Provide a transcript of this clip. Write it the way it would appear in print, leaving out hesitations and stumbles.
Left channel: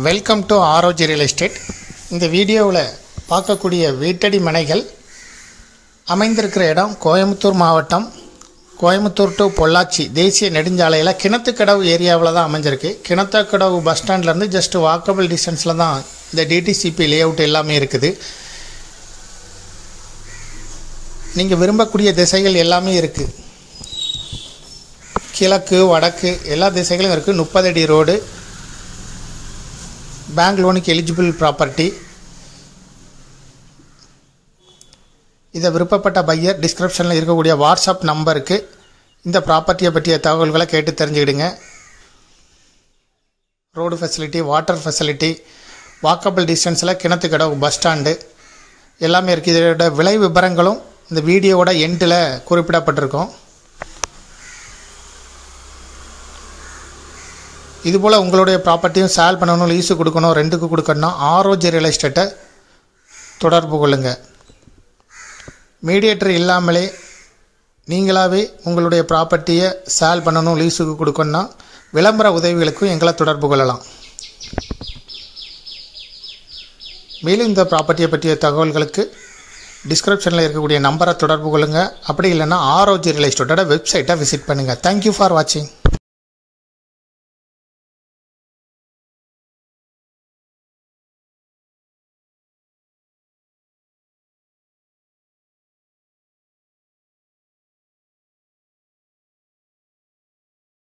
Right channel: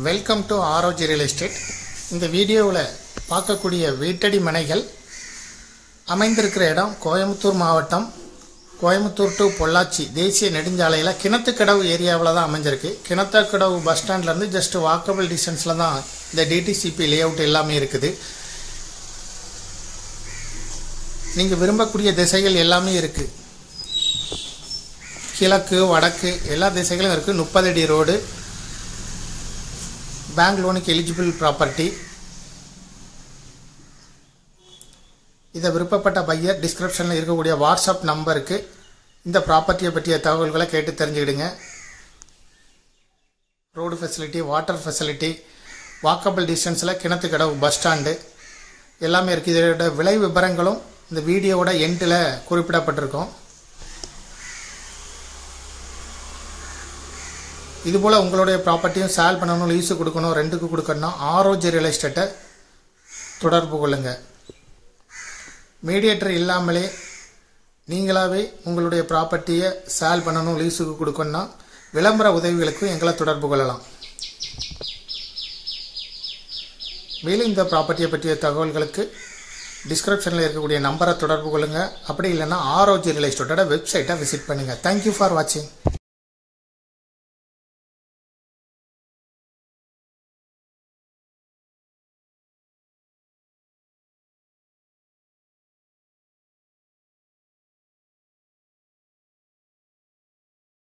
Welcome to ஆரோஜி real estate. இந்த வீடியோவில் பார்க்கக்கூடிய வீட்டடி மனைகள் அமைந்திருக்கிற இடம் கோயம்புத்தூர் மாவட்டம், கோயம்புத்தூர் டு பொள்ளாச்சி தேசிய நெடுஞ்சாலையில் கிணத்துக்கடவு ஏரியாவில் தான் அமைஞ்சிருக்கு. கிணத்துக்கடவு பஸ் ஸ்டாண்ட்லேருந்து ஜஸ்ட் வாக்கபிள் டிஸ்டன்ஸில் தான் இந்த டிடிசிபி லே அவுட் எல்லாமே இருக்குது. நீங்கள் விரும்பக்கூடிய திசைகள் எல்லாமே இருக்குது. கிழக்கு வடக்கு எல்லா திசைகளும் இருக்குது. 30 அடி ரோடு, பேங்க் லோனுக்கு எலிஜிபிள் ப்ராப்பர்ட்டி. இதை விருப்பப்பட்ட பையர் டிஸ்கிரிப்ஷனில் இருக்கக்கூடிய வாட்ஸ்அப் நம்பருக்கு இந்த ப்ராப்பர்ட்டியை பற்றிய தகவல்களை கேட்டு தெரிஞ்சுக்கிடுங்க. Road facility, water facility, walkable டிஸ்டன்ஸில் கிணத்துக்கடவு பஸ் ஸ்டாண்டு எல்லாமே இருக்குது. இதோட விலை விவரங்களும் இந்த வீடியோவோட எண்டில் குறிப்பிடப்பட்டிருக்கும். இதுபோல் உங்களுடைய ப்ராப்பர்ட்டியும் சேல் பண்ணணும், லீஸு கொடுக்கணும், ரெண்டுக்கு கொடுக்கணும்னா ஆரோஜி ரியல் எஸ்டேட்டை தொடர்பு கொள்ளுங்கள். மீடியேட்டர் இல்லாமலே நீங்களாகவே உங்களுடைய ப்ராப்பர்ட்டியை சேல் பண்ணணும், லீஸுக்கு கொடுக்கணும்னா விளம்பர உதவிகளுக்கும் எங்களை தொடர்பு கொள்ளலாம். மேலும் இந்த ப்ராப்பர்ட்டியை பற்றிய தகவல்களுக்கு டிஸ்கிரிப்ஷனில் இருக்கக்கூடிய நம்பரை தொடர்பு கொள்ளுங்கள். அப்படி இல்லைன்னா ஆரோஜி ரியல் எஸ்டேட்டோட வெப்சைட்டை விசிட் பண்ணுங்கள். தேங்க்யூ ஃபார் வாட்சிங்.